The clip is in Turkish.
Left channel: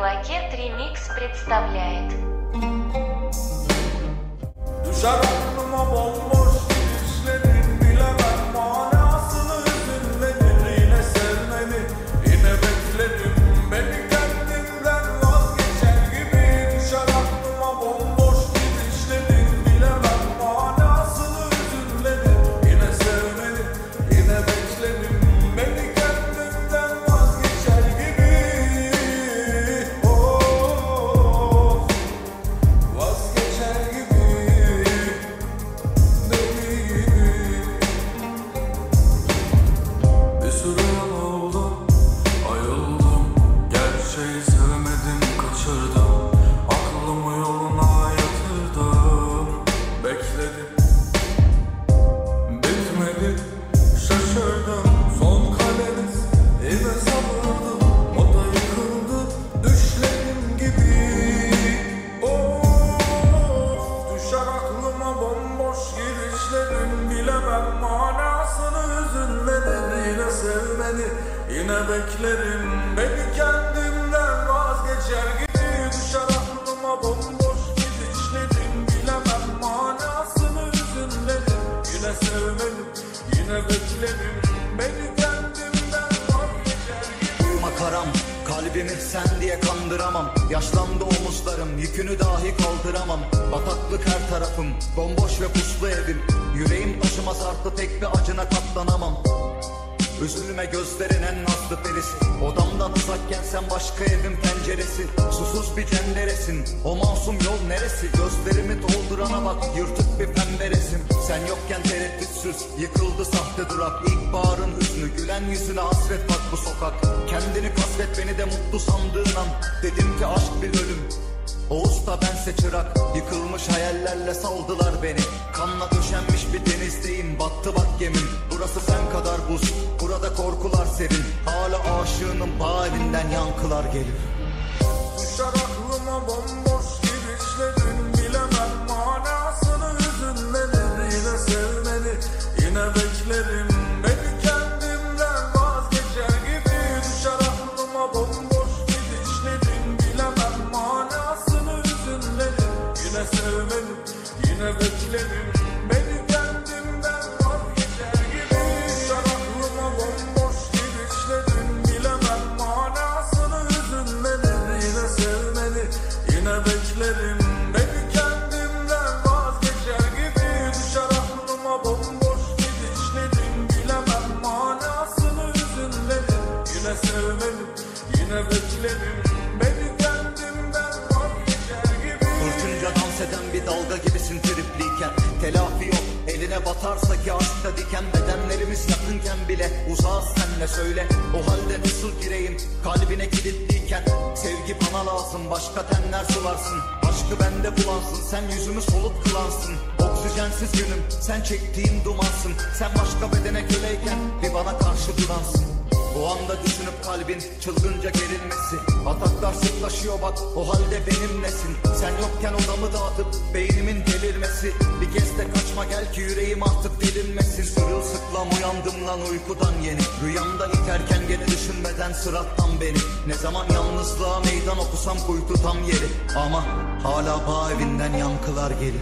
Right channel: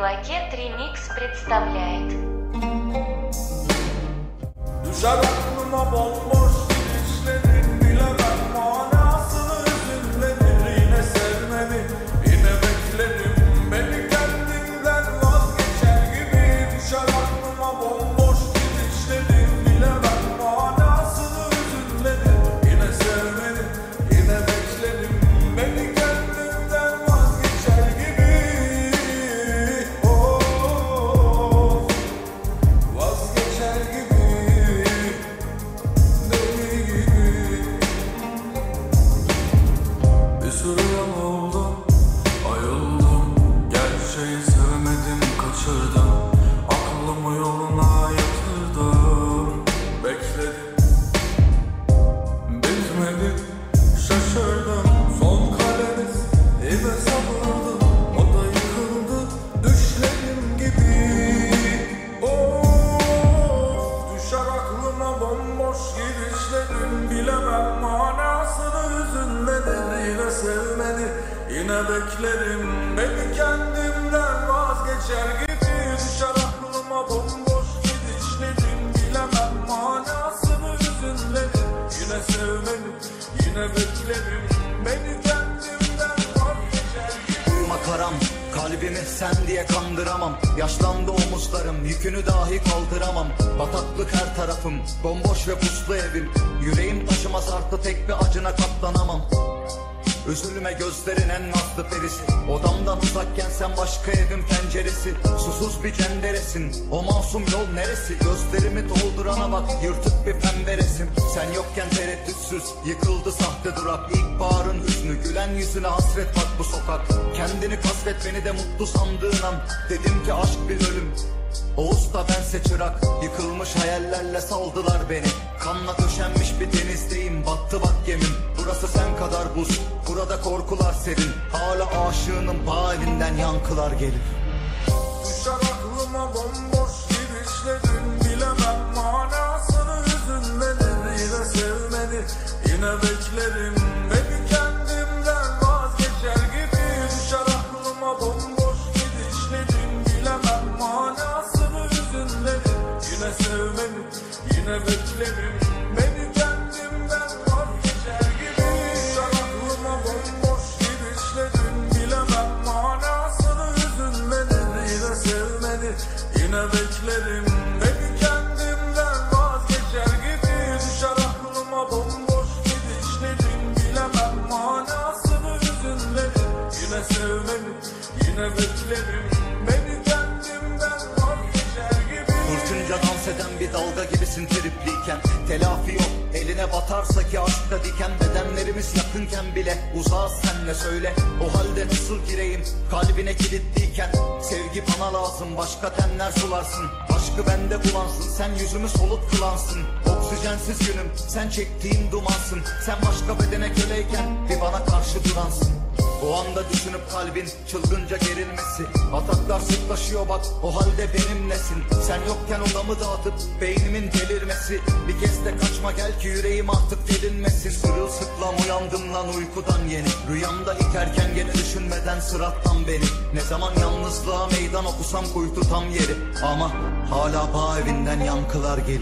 Белокет Ремикс представляет. Düşer aklıma bomboş gidişlerin, bilemem manasını, hüzünlenir yine sevmeni, yine beklerim beni kendimden vazgeçer gibi. Düşer aklıma bomboş gidişlerin, bilemem manasını, hüzünlenir yine sevmeni, yine beklerim beni kendimden vazgeçer gibi. Oh, vazgeçer gibi. Bir süre yol oldu, ayıldım, gerçeği sevmedim, kaçırdım, aklımı yoluna yatırdım, bekledim, bitmedi, şaşırdım, son kalemiz yine sabırdı, o da yıkıldı düşlerim gibi. Of, düşer aklıma bomboş gidişlerin, bilemem manasını, hüzünlenir yine sevmeni, yine beklerim beni kendimden vazgeçer gibi. Düşer aklıma bomboş gidişlerin, bilemem manasını, hüzünlenir yine sevmeni, yine beklerim beni kendimden vazgeçer gibi. Makaram, kalbimi sen diye kandıramam. Yaşlandı omuzlarım, yükünü dahi kaldıramam. Bataklık her tarafım, bomboş ve muslu evim. Yüreğim taşıma sardı, tek bir acına katlanamam. Üzülme gözlerin en nazlı perisi. Odamda tuzak kessem başka evimin penceresi. Susuz bir cenneresin, o masum yol neresi? Gözlerimi dolduramam, yırtık bir pemberesin. Sen yokken tereddütsüz, yıkıldı sahtırlar. İlkbaharın hüznü, gülen yüzüne hasret var bu sokak. Kendini bir hasret, beni de mutlu sandığın an. Dedim ki aşk bir ölüm, o usta bense çırak. Yıkılmış hayallerle saldılar beni. Kanla müşenmiş bir denizliyim, battı bak gemim. Burası sen kadar buz, burada korkular serin. Hala aşığının halinden yankılar gelir. Düşer aklıma bomboş gidişlerin, bilemem manasını, hüzünlenir yine sevmeni, yine beklerim beni kendimden vazgeçer gibi. Düşer aklıma bomboş gidişlerin, bilemem manasını, hüzünlenir yine sevmeni, yine beklerim beni kendimden vazgeçer gibi. Düşer aklıma bomboş gidişlerin, bilemem manasını, hüzünlenir yine sevmeni, yine beklerim beni kendimden vazgeçer gibi. Düşer aklıma bomboş gidişlerin, bilemem manasını, hüzünlenir yine sevmeni, yine beklerim beni kendimden vazgeçer gibi. Kurtulunca dans eden bir dalga gibisin deripliyken. Telafi yok, eline batarsa ki aşkta diken. Bedenlerimiz yakınken bile uzak senle söyle. O halde nasıl gireyim kalbine kilitliyken. Sevgi bana lazım, başka benler sularsın. Aşkı bende bulansın, sen yüzümü soluk kılarsın. Oksijensiz yürüm, sen çektiğin dumansın. Sen başka bedene göreyken bir bana karşı dumansın. O anda düşünüp kalbinin çılgınca gerilmesi. Ataklar seni taşıyor bak, o halde benimlesin. Sen yokken odamı dağıtıp beynimin devrilmesi. Bir kez de kaçma gel ki yüreğimi atıp devrilmesini. Sırılsıklam uyandığımdan uykudan yeni. Rüyamda giderken geri düşünmeden sırattan beri. Ne zaman yalnızlığa meydan okusam uykudan geri. Aman hala halinden yankılar gelir.